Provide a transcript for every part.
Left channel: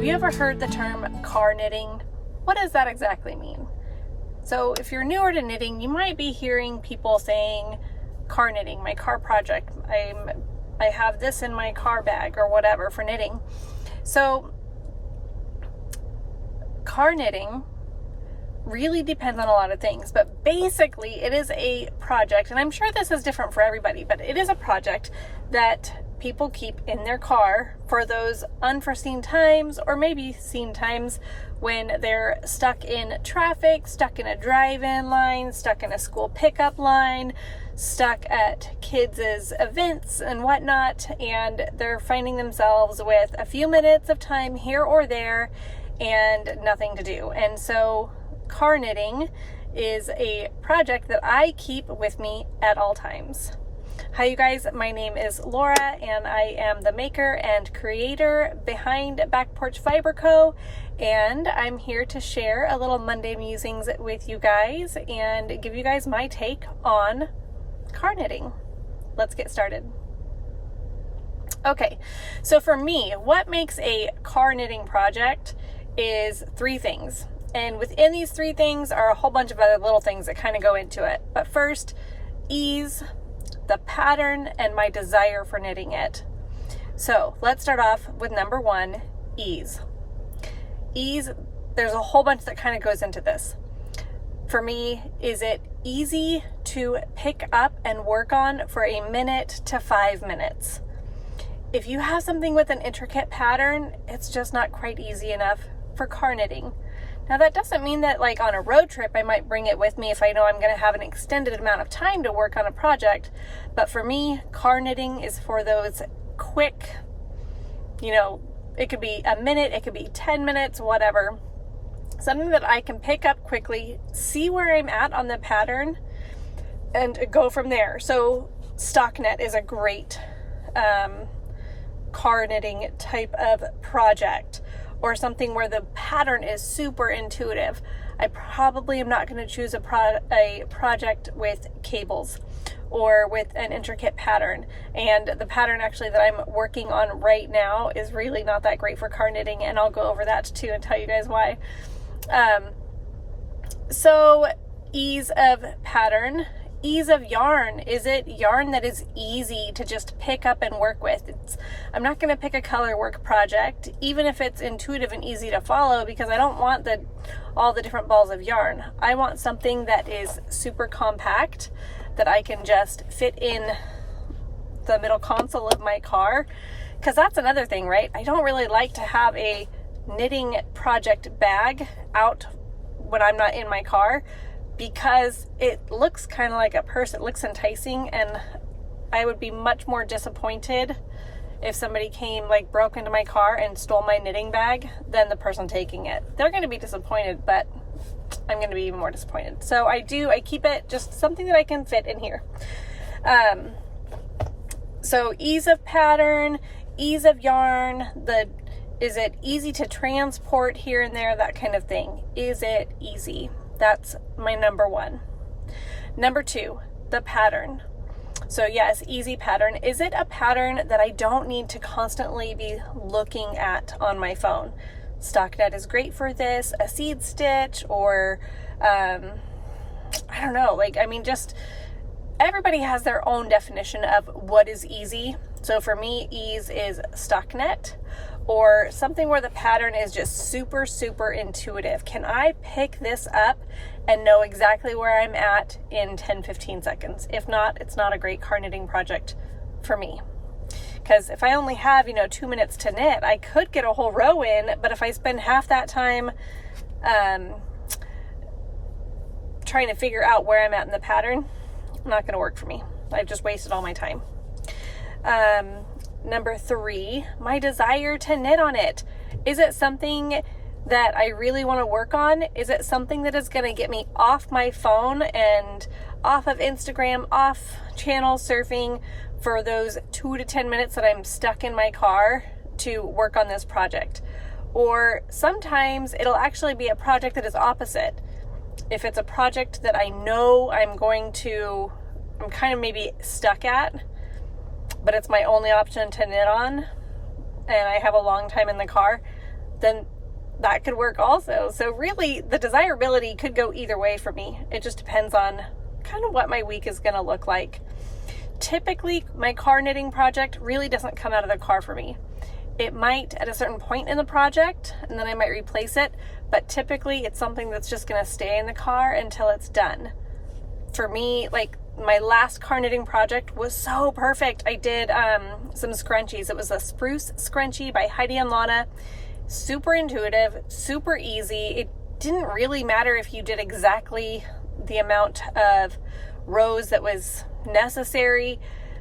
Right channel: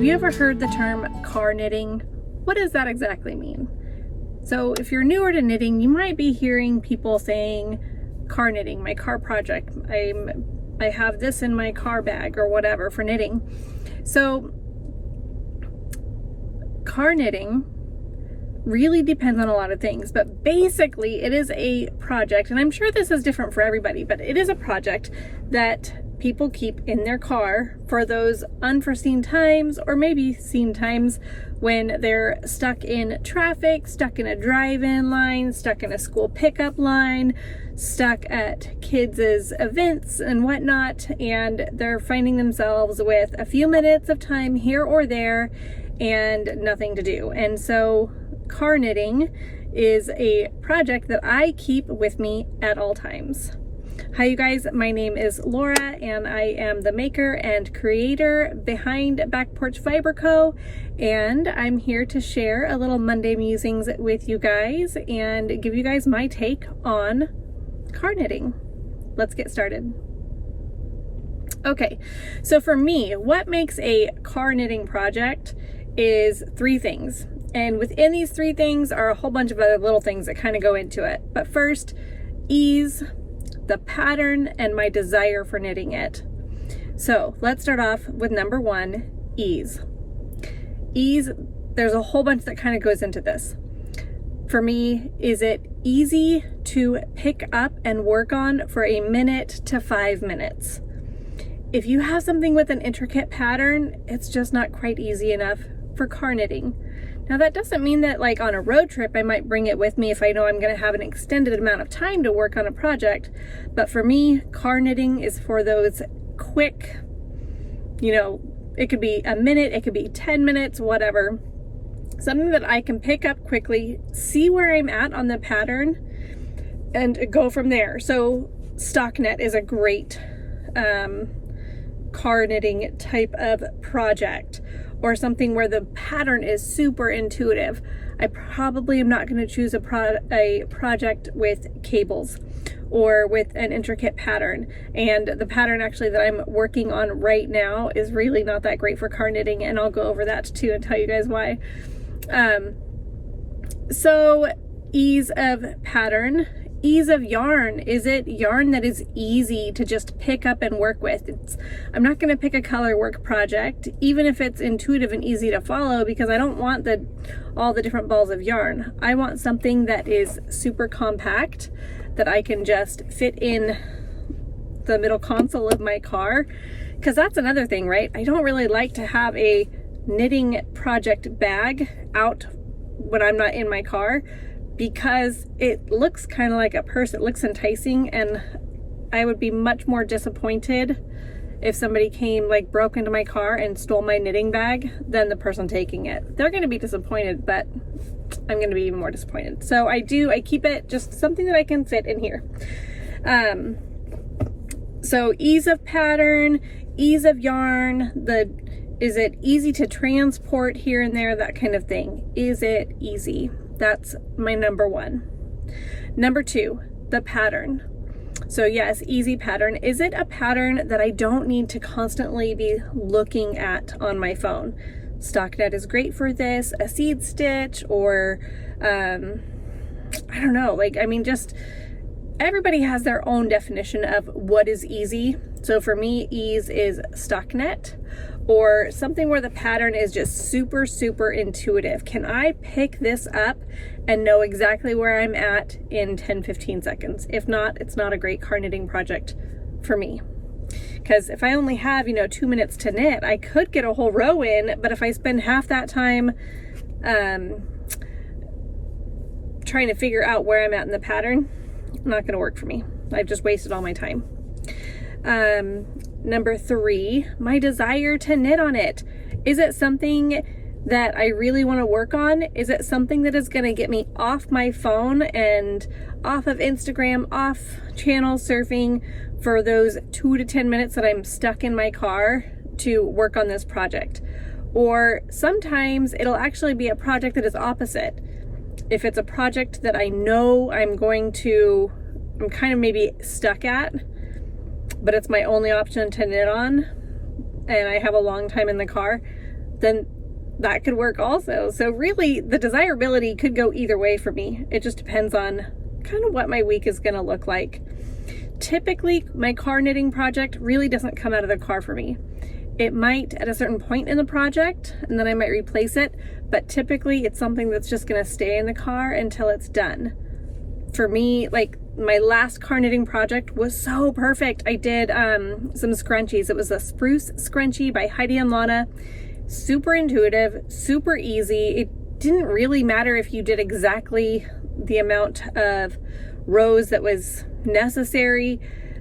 Have you ever heard the term car knitting? What does that exactly mean? So if you're newer to knitting, you might be hearing people saying car knitting, my car project, I have this in my car bag or whatever for knitting. So car knitting really depends on a lot of things, but basically it is a project, and I'm sure this is different for everybody, but it is a project that people keep in their car for those unforeseen times, or maybe seen times, when they're stuck in traffic, stuck in a drive-in line, stuck in a school pickup line, stuck at kids' events and whatnot, and they're finding themselves with a few minutes of time here or there and nothing to do. And so car knitting is a project that I keep with me at all times. Hi you guys, my name is Laura and I am the maker and creator behind Back Porch Fiber Co. And I'm here to share a little Monday Musings with you guys and give you guys my take on car knitting. Let's get started. Okay, so for me, what makes a car knitting project is three things. And within these three things are a whole bunch of other little things that kind of go into it. But first, ease, the pattern, and my desire for knitting it. So let's start off with number one, ease. Ease, there's a whole bunch that kind of goes into this. For me, is it easy to pick up and work on for a minute to 5 minutes? If you have something with an intricate pattern, it's just not quite easy enough for car knitting. Now that doesn't mean that like on a road trip I might bring it with me if I know I'm going to have an extended amount of time to work on a project, but for me, car knitting is for those quick, you know, it could be a minute, it could be 10 minutes, whatever. Something that I can pick up quickly, see where I'm at on the pattern, and go from there. So stockinette is a great car knitting type of project, or something where the pattern is super intuitive. I probably am not going to choose a project with cables or with an intricate pattern. And the pattern actually that I'm working on right now is really not that great for car knitting, and I'll go over that too and tell you guys why. So ease of pattern. Ease of yarn. Is it yarn that is easy to just pick up and work with? I'm not going to pick a color work project, even if it's intuitive and easy to follow, because I don't want all the different balls of yarn. I want something that is super compact, that I can just fit in the middle console of my car, because that's another thing, right? I don't really like to have a knitting project bag out when I'm not in my car, because it looks kind of like a purse. It looks enticing, and I would be much more disappointed if somebody came, like, broke into my car and stole my knitting bag than the person taking it. They're going to be disappointed, but I'm going to be even more disappointed. So I keep it just something that I can fit in here. So ease of pattern, ease of yarn, is it easy to transport here and there, that kind of thing. Is it easy? That's my number one. Number two, the pattern. So yes, easy pattern. Is it a pattern that I don't need to constantly be looking at on my phone? Stockinette is great for this, a seed stitch, or I don't know, like, I mean, just everybody has their own definition of what is easy. So for me, ease is stockinette, or something where the pattern is just super, super intuitive. Can I pick this up and know exactly where I'm at in 10-15 seconds? If not, it's not a great car knitting project for me. Because if I only have, 2 minutes to knit, I could get a whole row in, but if I spend half that time trying to figure out where I'm at in the pattern, not going to work for me. I've just wasted all my time. Number three, my desire to knit on it. Is it something that I really want to work on? Is it something that is going to get me off my phone and off of Instagram, off channel surfing for those 2 to 10 minutes that I'm stuck in my car to work on this project? Or sometimes it'll actually be a project that is opposite. If it's a project that I know I'm kind of maybe stuck at, but it's my only option to knit on, and I have a long time in the car, then that could work also. So really the desirability could go either way for me. It just depends on kind of what my week is going to look like. Typically my car knitting project really doesn't come out of the car for me. It might at a certain point in the project, and then I might replace it, but typically it's something that's just going to stay in the car until it's done. For me, like my last car knitting project was so perfect. I did some scrunchies. It was a spruce scrunchie by Heidi and Lana. Super intuitive, super easy. It didn't really matter if you did exactly the amount of rows that was necessary.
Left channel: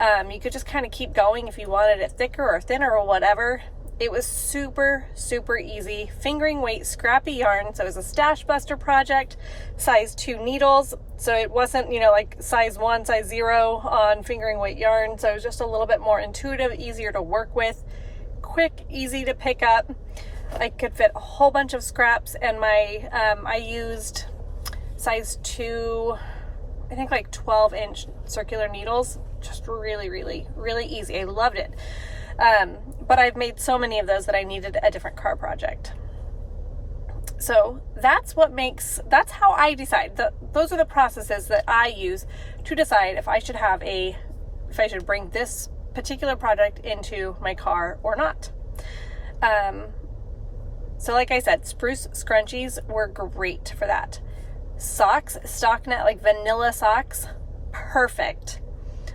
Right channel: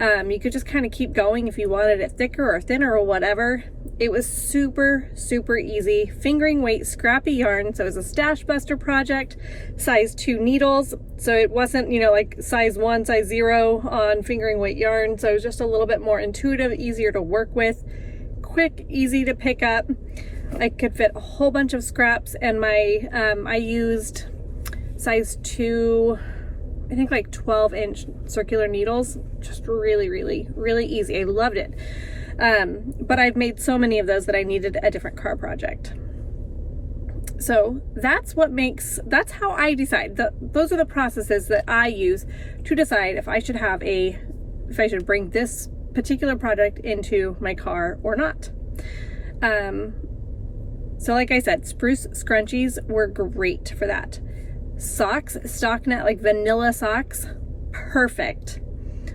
You could just kind of keep going if you wanted it thicker or thinner or whatever. It was super, super easy. Fingering weight, scrappy yarn. So it was a stash buster project, size 2 needles. So it wasn't, you know, like size 1, size 0 on fingering weight yarn. So it was just a little bit more intuitive, easier to work with, quick, easy to pick up. I could fit a whole bunch of scraps, and my I used size 2, I think like 12-inch circular needles. Just really, really, really easy. I loved it. But I've made so many of those that I needed a different car project. So that's how I decide. Those are the processes that I use to decide if I should bring this particular project into my car or not. So like I said, spruce scrunchies were great for that. Socks, stockinette, like vanilla socks, perfect.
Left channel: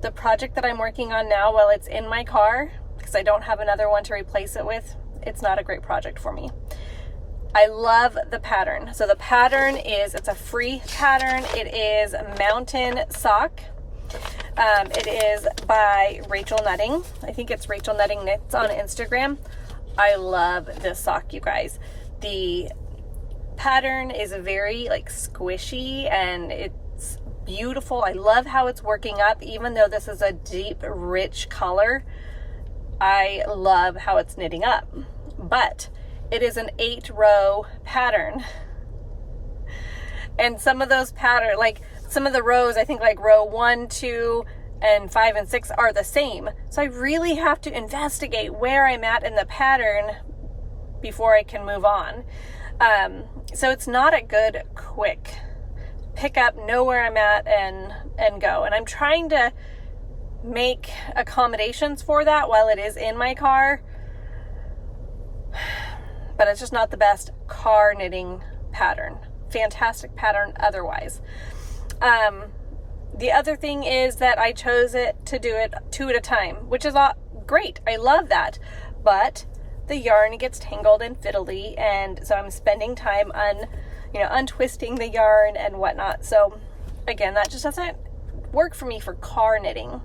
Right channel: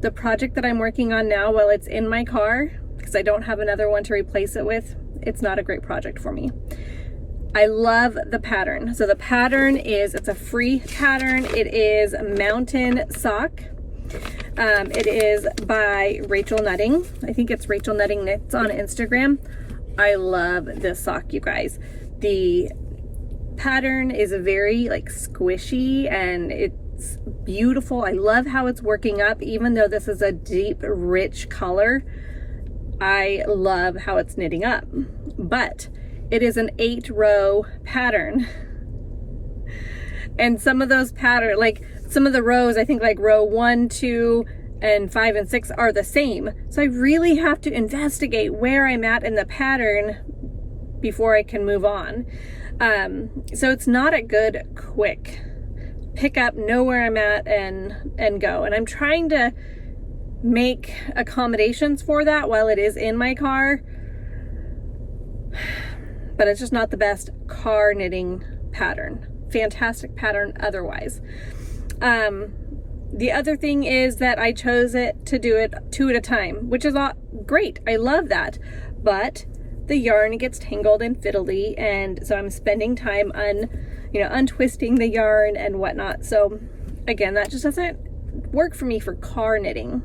The project that I'm working on now, while it's in my car, because I don't have another one to replace it with, it's not a great project for me. I love the pattern. So the pattern it's a free pattern. It is Mountain Sock. It is by Rachel Nutting. I think it's Rachel Nutting Knits on Instagram. I love this sock, you guys. The pattern is very like squishy and it's beautiful. I love how it's working up, even though this is a deep, rich color. I love how it's knitting up, but it is an 8-row pattern. And some of those like some of the rows, I think like row 1, 2, and 5 and 6 are the same. So I really have to investigate where I'm at in the pattern before I can move on. So it's not a good quick pick up, know where I'm at and go. And I'm trying to make accommodations for that while it is in my car, but it's just not the best car knitting pattern. Fantastic pattern otherwise. The other thing is that I chose to do it 2 at a time, which is great. I love that, but the yarn gets tangled and fiddly, and so I'm spending time untwisting the yarn and whatnot. So again, that just doesn't work for me for car knitting.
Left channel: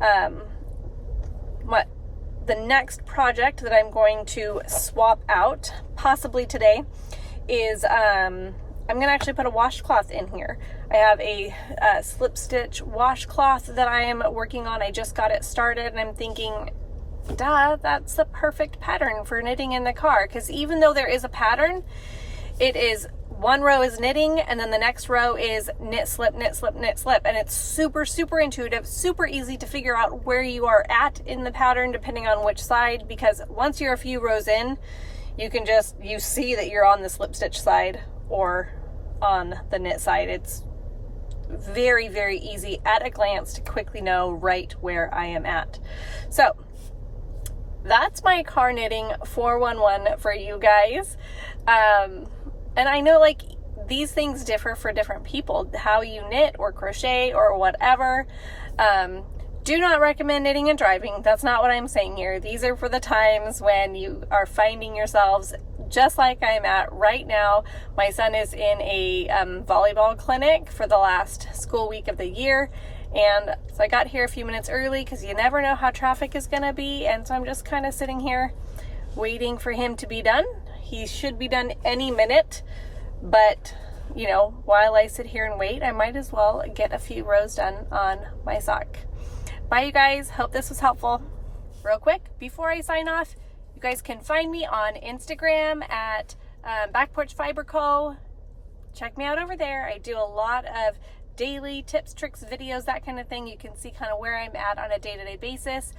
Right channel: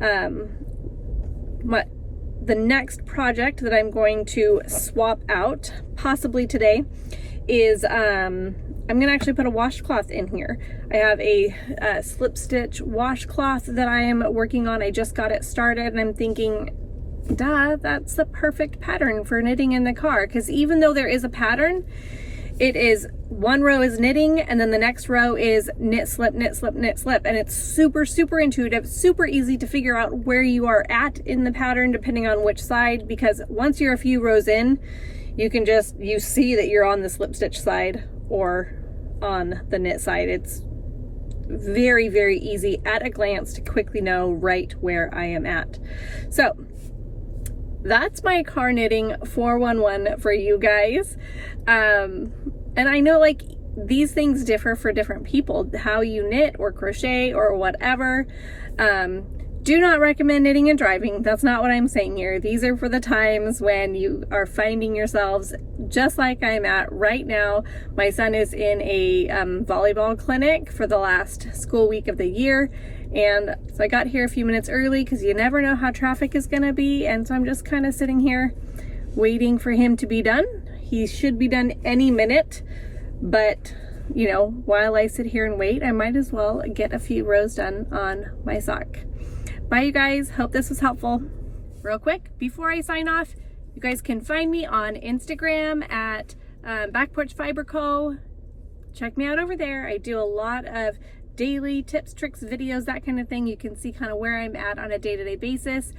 The next project that I'm going to swap out, possibly today, is I'm gonna actually put a washcloth in here. I have a slip stitch washcloth that I am working on. I just got it started, and I'm thinking, duh, that's the perfect pattern for knitting in the car, because even though there is a pattern, it is one row is knitting and then the next row is knit, slip, knit, slip, knit, slip, and it's super, super intuitive, super easy to figure out where you are at in the pattern depending on which side, because once you're a few rows in, you see that you're on the slip stitch side or on the knit side. It's very, very easy at a glance to quickly know right where I am at. So that's my car knitting 411 for you guys. And I know like these things differ for different people, how you knit or crochet or whatever. Do not recommend knitting and driving. That's not what I'm saying here. These are for the times when you are finding yourselves just like I'm at right now. My son is in a volleyball clinic for the last school week of the year. And so I got here a few minutes early because you never know how traffic is going to be. And so I'm just kind of sitting here waiting for him to be done. He should be done any minute, but you know, while I sit here and wait, I might as well get a few rows done on my sock. Bye, you guys. Hope this was helpful. Real quick, before I sign off, you guys can find me on Instagram at Back Porch Fiber Co. Check me out over there. I do a lot of daily tips, tricks, videos, that kind of thing. You can see kind of where I'm at on a day-to-day basis.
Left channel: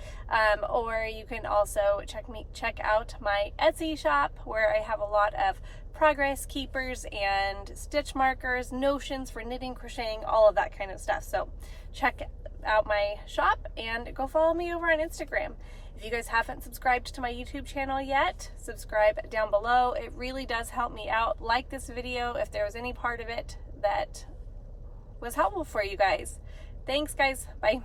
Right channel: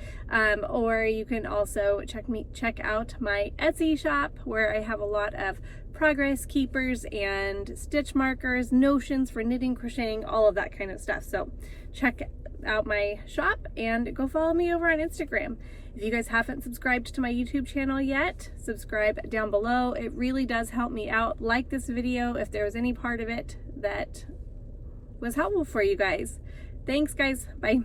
Or you can also check out my Etsy shop, where I have a lot of progress keepers and stitch markers, notions for knitting, crocheting, all of that kind of stuff. So check out my shop and go follow me over on Instagram. If you guys haven't subscribed to my YouTube channel yet, subscribe down below. It really does help me out. Like this video if there was any part of it that was helpful for you guys. Thanks, guys. Bye.